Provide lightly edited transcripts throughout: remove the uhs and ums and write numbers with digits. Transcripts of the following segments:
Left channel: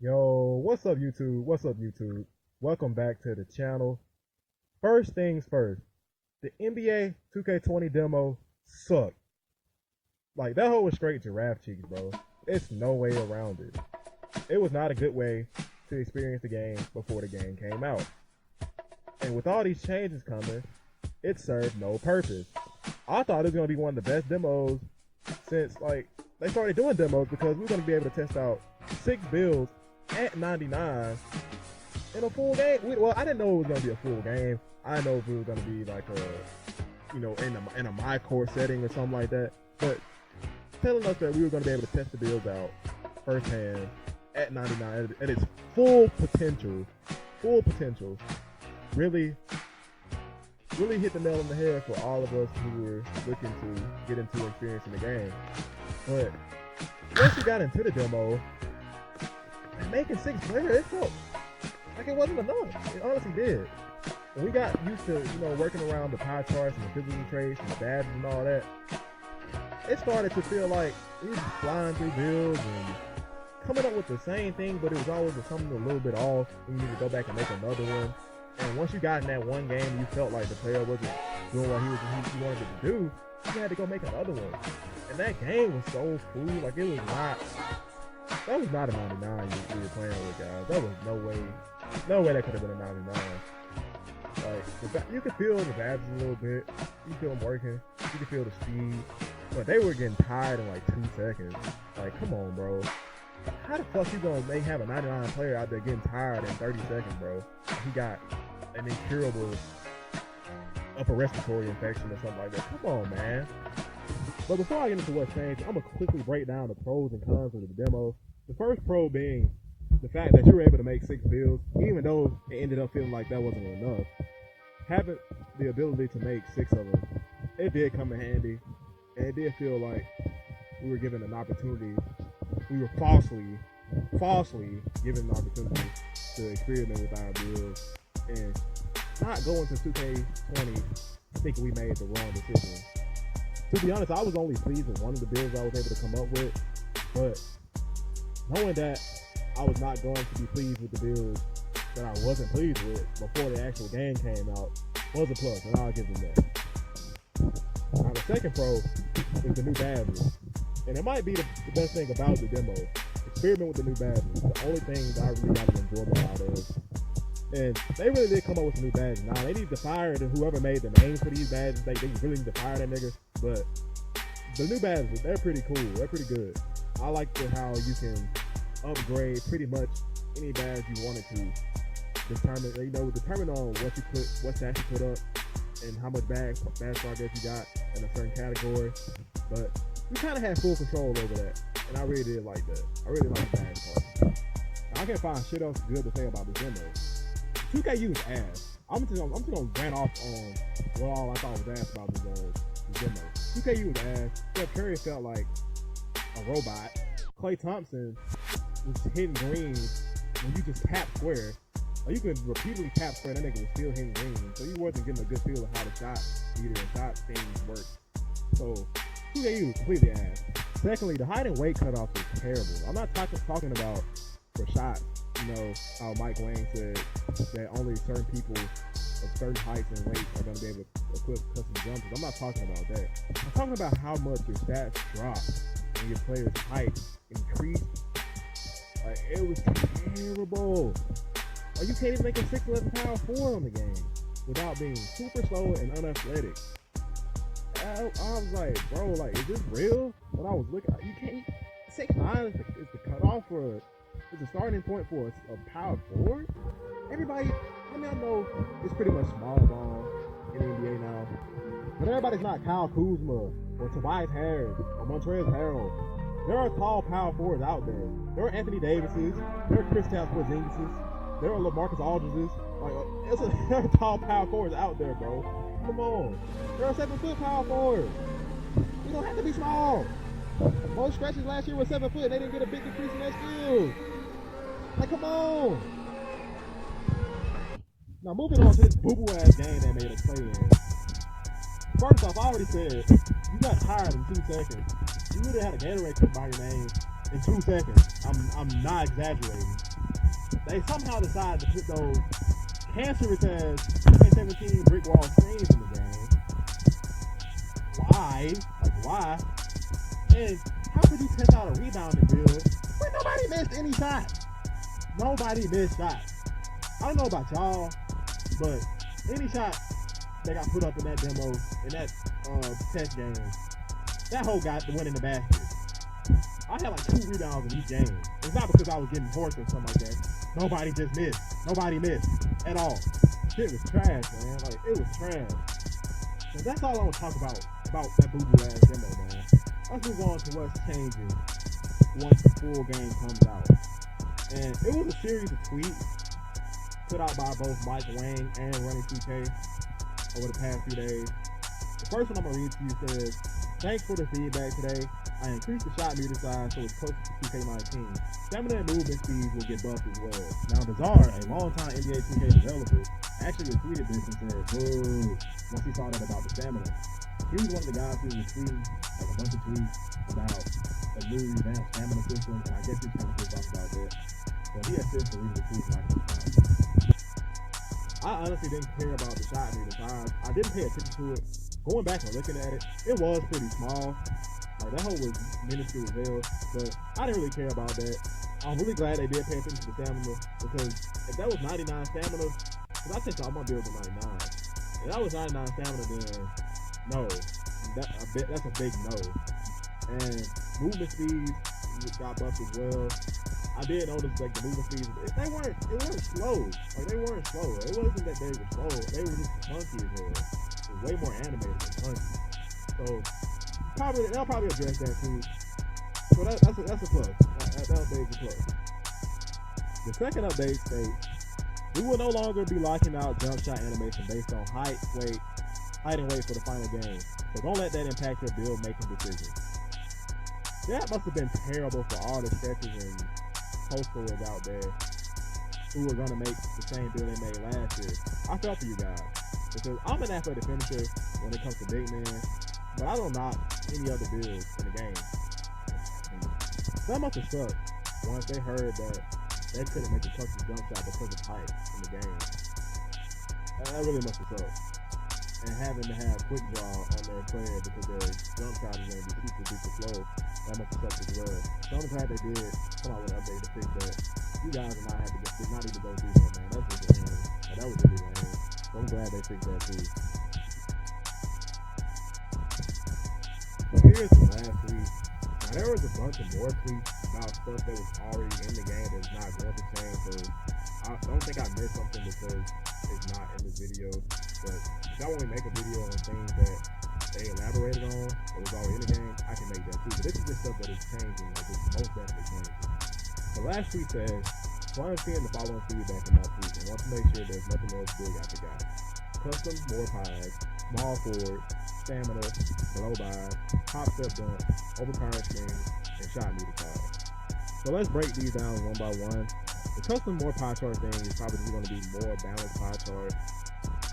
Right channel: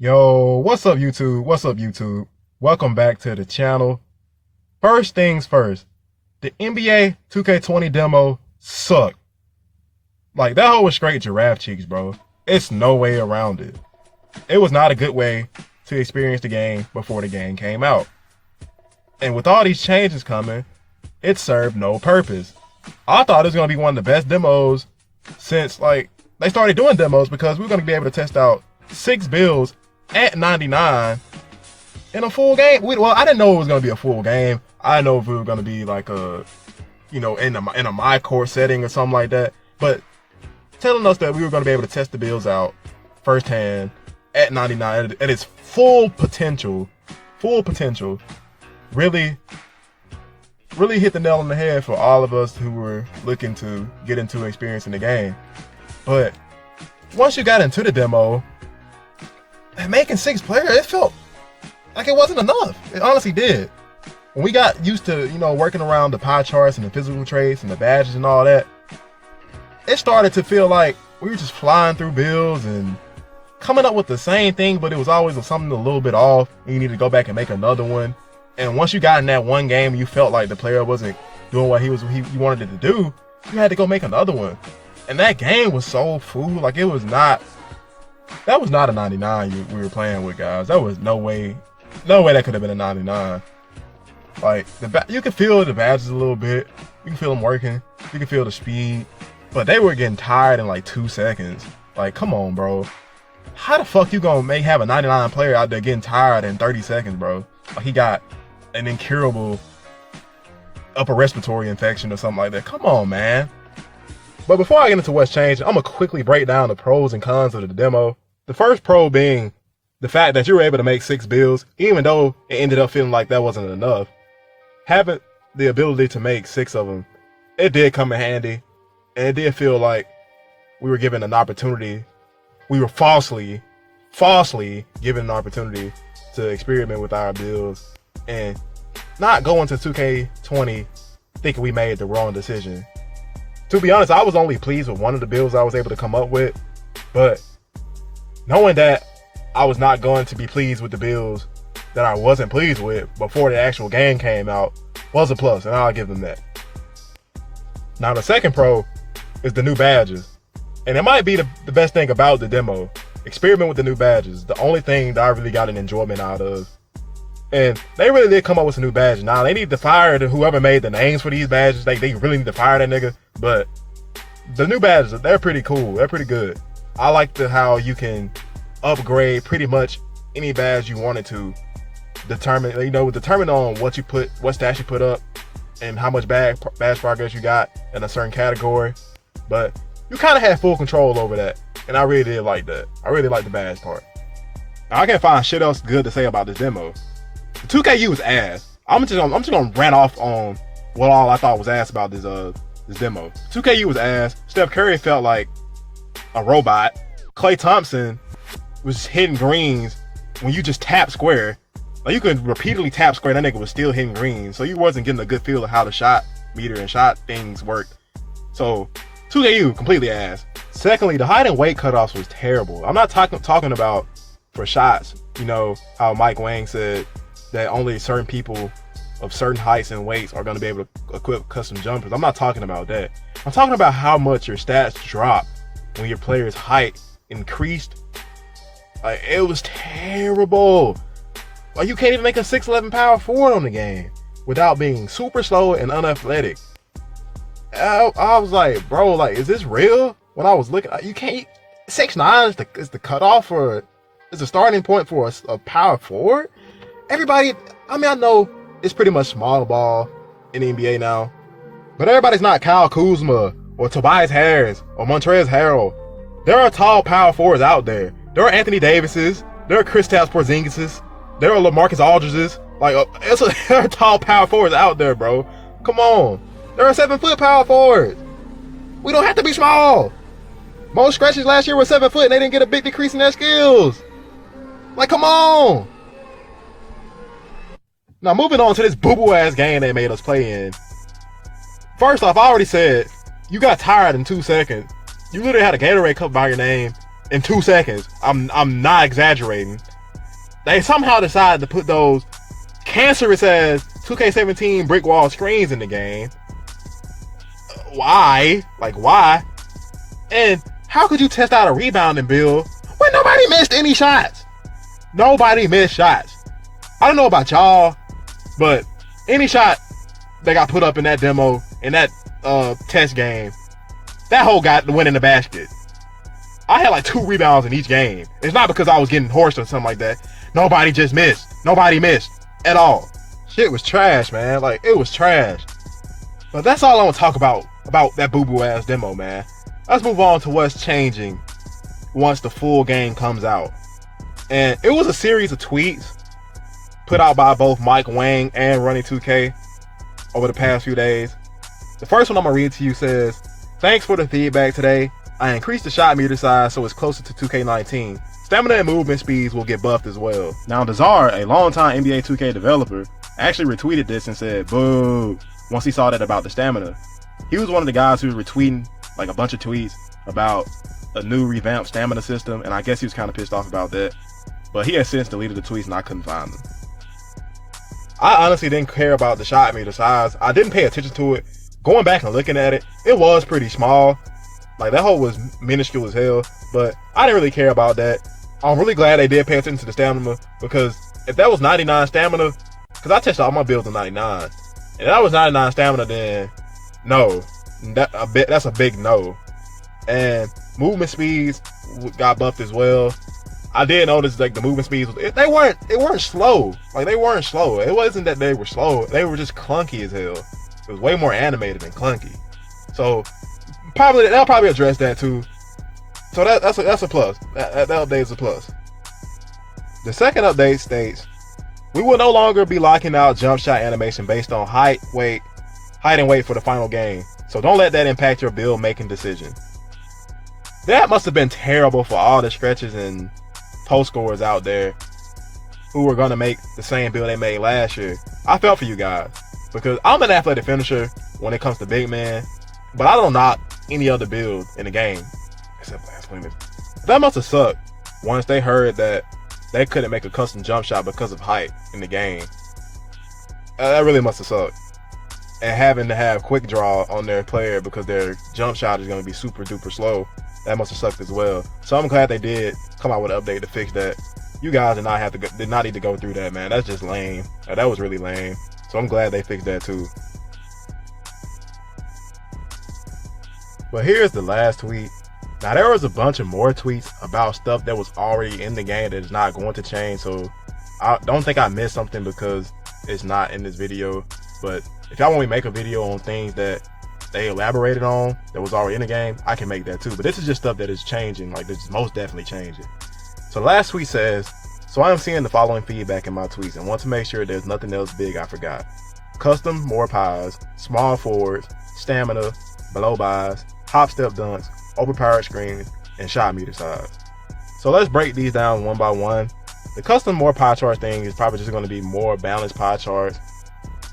Yo, what's up, YouTube? What's up, YouTube? Welcome back to the channel. First things first, the NBA 2K20 demo sucked. Like, that whole was straight giraffe cheeks, bro. It's no way around it. It was not a good way to experience the game before the game came out. And with all these changes coming, it served no purpose. I thought it was going to be one of the best demos since, like, they started doing demos because we were going to be able to test out 6 builds at 99 in a full game. Well, I didn't know it was going to be a full game. I didn't know if it was going to be like a, in a my core setting or something like that. But telling us that we were going to be able to test the builds out firsthand at 99 at its full potential, really hit the nail on the head for all of us who were looking to get into experiencing the game. But once you got into the demo, making 6 players, it felt like it wasn't enough. It honestly did. When we got used to, working around the pie charts and the physical traits and the badges and all that, it started to feel like we were just flying through builds and coming up with the same thing, but it was always something a little bit off, and you need to go back and make another one. And once you got in that one game and you felt like the player wasn't doing what he wanted it to do, you had to go make another one. And that game was so fool. Like, that was not a 99 we were playing with, guys. That was no way that could have been a 99. Like, you could feel the badges a little bit. You can feel them working. You can feel the speed. But they were getting tired in like 2 seconds. Like, come on, bro. How the fuck you gonna have a 99 player out there getting tired in 30 seconds, bro? Like, he got an incurable upper respiratory infection or something like that. Come on, man. But before I get into what's changed, I'm gonna quickly break down the pros and cons of the demo. The first pro being the fact that you were able to make 6 builds, even though it ended up feeling like that wasn't enough. Having the ability to make 6 of them, it did come in handy, and it did feel like we were given an opportunity. We were falsely given an opportunity to experiment with our builds and not go into 2K20 thinking we made the wrong decision. To be honest, I was only pleased with one of the builds I was able to come up with, but knowing that I was not going to be pleased with the builds that I wasn't pleased with before the actual game came out was a plus, and I'll give them that. Now, the second pro is the new badges, and it might be the best thing about the demo. Experiment with the new badges, the only thing that I really got an enjoyment out of. And they really did come up with some new badges. Now, they need to fire whoever made the names for these badges. They really need to fire that nigga. But the new badges, they're pretty cool. They're pretty good. I like how you can upgrade pretty much any badge you wanted to. Determine on what stats you put up and how much badge progress you got in a certain category. But you kind of had full control over that. And I really did like that. I really like the badge part. Now, I can't find shit else good to say about this demo. 2KU was ass. I'm just gonna rant off on what all I thought was ass about this demo. 2KU was ass. Steph Curry felt like a robot. Klay Thompson was hitting greens when you just tap square. Like, you could repeatedly tap square, that nigga was still hitting greens. So you wasn't getting a good feel of how the shot meter and shot things worked. So 2KU completely ass. Secondly, the height and weight cutoffs was terrible. I'm not talking about for shots. You know how Mike Wang said that only certain people of certain heights and weights are going to be able to equip custom jumpers. I'm not talking about that. I'm talking about how much your stats drop when your player's height increased. Like, it was terrible. Like, you can't even make a 6'11" power forward on the game without being super slow and unathletic. I was like, bro, like, is this real? When I was looking, you can't. 6'9" is the cutoff for. It's a starting point for a power forward. Everybody, I know it's pretty much small ball in the NBA now, but everybody's not Kyle Kuzma or Tobias Harris or Montrezl Harrell. There are tall power forwards out there. There are Anthony Davises. There are Kristaps Porzingises. There are LaMarcus Aldridges. Like, there are tall power forwards out there, bro. Come on. There are 7-foot power forwards. We don't have to be small. Most scratches last year were 7 foot and they didn't get a big decrease in their skills. Like, come on. Now, moving on to this boo-boo ass game they made us play in. First off, I already said, you got tired in 2 seconds. You literally had a Gatorade cup by your name. in 2 seconds. I'm not exaggerating. They somehow decided to put those cancerous as 2K17 brick wall screens in the game. Why? Like, why? And how could you test out a rebounding build when nobody missed any shots? Nobody missed shots. I don't know about y'all, but any shot that got put up in that demo, in that test game, that hole got the win in the basket. I had like 2 rebounds in each game. It's not because I was getting horsed or something like that. Nobody just missed. Nobody missed at all. Shit was trash, man. Like, it was trash. But that's all I want to talk about that boo-boo ass demo, man. Let's move on to what's changing once the full game comes out. And it was a series of tweets put out by both Mike Wang and Running 2K over the past few days. The first one I'm gonna read to you says, "Thanks for the feedback today. I increased the shot meter size so it's closer to 2K19. Stamina and movement speeds will get buffed as well." Now, Dazar, a longtime NBA 2K developer, actually retweeted this and said, "Boo," once he saw that about the stamina. He was one of the guys who was retweeting like a bunch of tweets about a new revamped stamina system, and I guess he was kind of pissed off about that. But he has since deleted the tweets and I couldn't find them. I honestly didn't care about the shot meter size. I didn't pay attention to it. Going back and looking at it, it was pretty small. Like, that hole was minuscule as hell, but I didn't really care about that. I'm really glad they did pay attention to the stamina, because if that was 99 stamina, because I tested all my builds on 99, if that was 99 stamina, then no. That's a big no. And movement speeds got buffed as well. I did notice like the movement speeds, they weren't slow. Like, they weren't slow. It wasn't that they were slow. They were just clunky as hell. It was way more animated than clunky. So they'll probably address that too. So that's a plus. That update is a plus. The second update states, "We will no longer be locking out jump shot animation based on height and weight for the final game. So don't let that impact your build making decision." That must have been terrible for all the stretchers and post scorers out there who were gonna make the same build they made last year. I felt for you guys, because I'm an athletic finisher when it comes to big man, but I don't knock any other build in the game except last limit. That must have sucked once they heard that they couldn't make a custom jump shot because of height in the game. That really must have sucked. And having to have quick draw on their player because their jump shot is going to be super duper slow, that must have sucked as well. So I'm glad they did come out with an update to fix that. You guys did not need to go through that, man. That's just lame. That was really lame. So I'm glad they fixed that too. But here's the last tweet. Now, there was a bunch of more tweets about stuff that was already in the game that is not going to change. So I don't think I missed something because it's not in this video. But if y'all want me to make a video on things that they elaborated on that was already in the game, I can make that too. But this is just stuff that is changing. Like, this is most definitely changing. So the last tweet says, "So I am seeing the following feedback in my tweets and want to make sure there's nothing else big I forgot. Custom more pies, small forwards, stamina, below buys, hop step dunks, overpowered screens, and shot meter size." So let's break these down one by one. The custom more pie chart thing is probably just going to be more balanced pie charts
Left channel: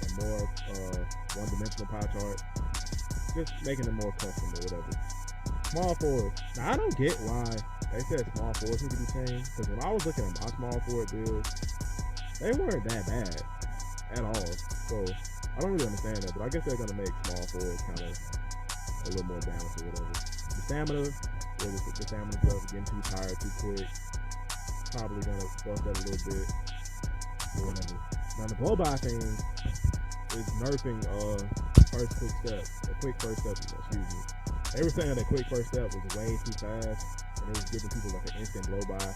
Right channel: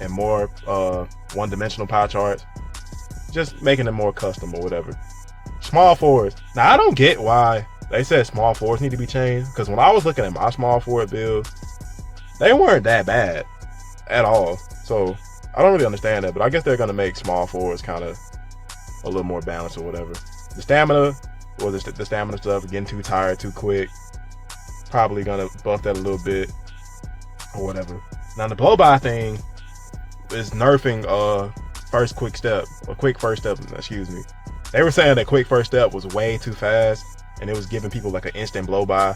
and more one-dimensional pie charts, just making them more custom or whatever. Small forwards. Now, I don't get why they said small forwards need to be changed, because when I was looking at my small forward build, they weren't that bad at all. So I don't really understand that, but I guess they're gonna make small forwards kind of a little more balanced or whatever. The stamina, or the stamina stuff, getting too tired too quick, probably gonna buff that a little bit or whatever. Now, the blow by thing is nerfing first quick step, or quick first step, excuse me. They were saying that quick first step was way too fast and it was giving people like an instant blow by,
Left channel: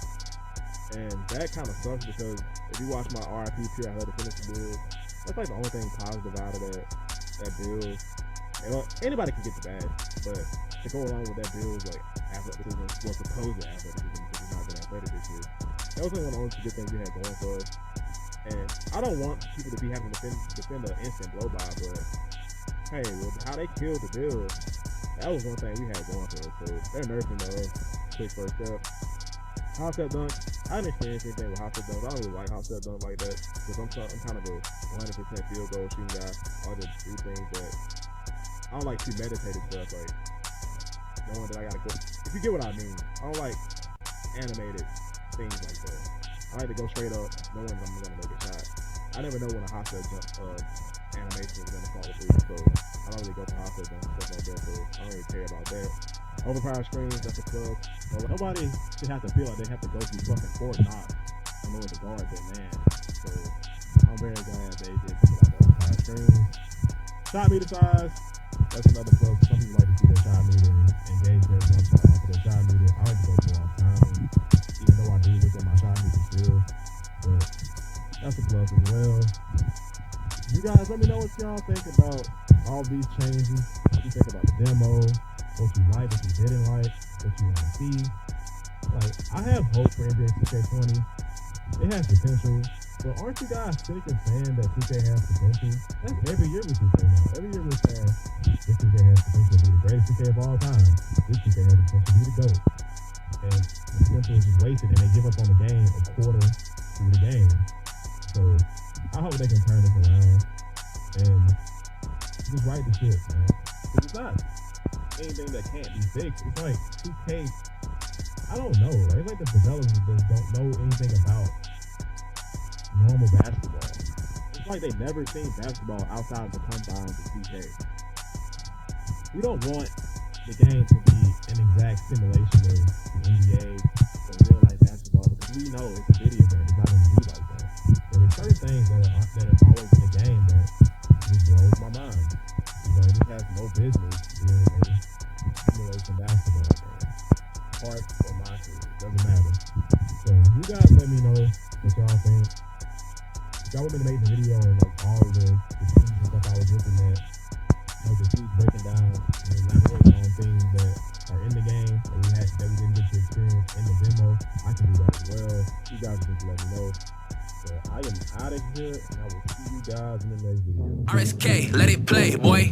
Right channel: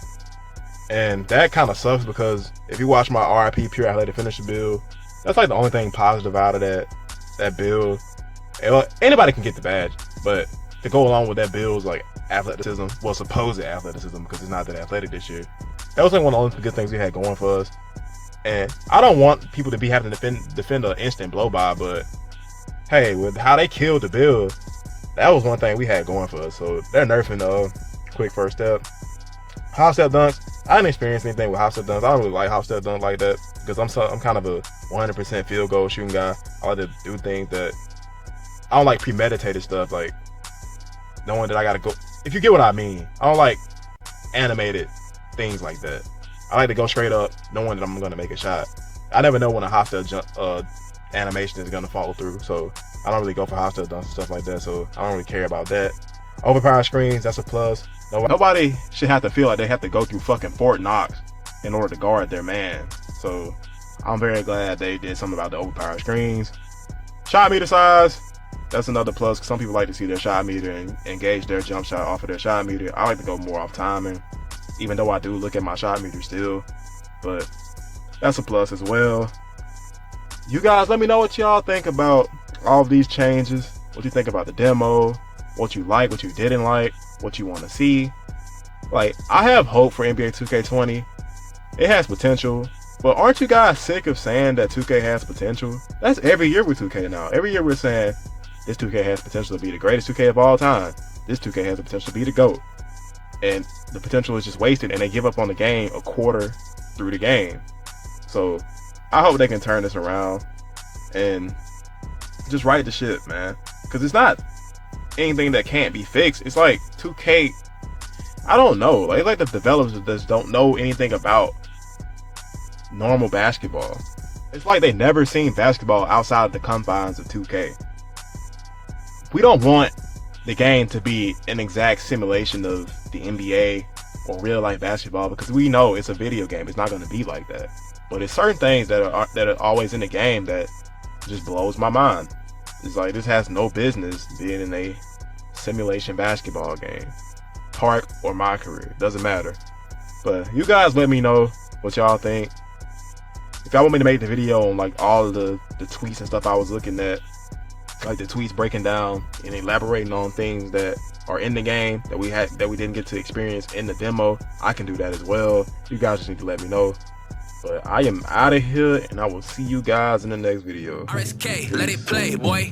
and that kind of sucks, because if you watch my RIP pure athletic finisher build, that's like the only thing positive out of that build. Anybody can get the badge, but to go along with that build is like athleticism, well, supposed athleticism, because it's not that athletic this year. That was like one of the only good things we had going for us. And I don't want people to be having to defend an instant blow by, but hey, with how they killed the build, that was one thing we had going for us. So they're nerfing quick first step. Hop step dunks, I didn't experience anything with hop step dunks. I don't really like hop step dunks like that, because I'm kind of a 100% field goal shooting guy. I like to do things that I don't like premeditated stuff, like knowing that I gotta go. If you get what I mean, I don't like animated things like that. I like to go straight up, knowing that I'm gonna make a shot. I never know when a hostile jump animation is gonna follow through, so I don't really go for hostile dunks and stuff like that. So I don't really care about that. Overpowered screens, that's a plus. Nobody should have to feel like they have to go through fucking Fort Knox in order to guard their man. So I'm very glad they did something about the overpowered screens. Shot meter size, that's another plus. Some people like to see their shot meter and engage their jump shot off of their shot meter. I like to go more off timing, even though I do look at my shot meter still, but that's a plus as well. You guys, let me know what y'all think about all of these changes. What you think about the demo, what you like, what you didn't like, what you want to see. Like, I have hope for NBA 2K20. It has potential, but aren't you guys sick of saying that 2K has potential? That's every year with 2K now. Every year we're saying this 2K has potential to be the greatest 2K of all time. This 2K has the potential to be the GOAT. And the potential is just wasted, and they give up on the game a quarter through the game. So I hope they can turn this around and just right the ship, man. Because it's not anything that can't be fixed. It's like 2K, I don't know. Like, it's like the developers just don't know anything about normal basketball. It's like they never seen basketball outside of the confines of 2K. We don't want the game to be an exact simulation of the NBA or real life basketball, because we know it's a video game. It's not going to be like that. But it's certain things that are always in the game that just blows my mind. It's like, this has no business being in a simulation basketball game, Park or my career, doesn't matter. But you guys let me know what y'all think. If y'all want me to make the video on like all of the tweets and stuff I was looking at, like the tweets breaking down and elaborating on things that are in the game that we didn't get to experience in the demo, I can do that as well. You guys just need to let me know. But I am out of here, and I will see you guys in the next video. RSK, let it play, boy.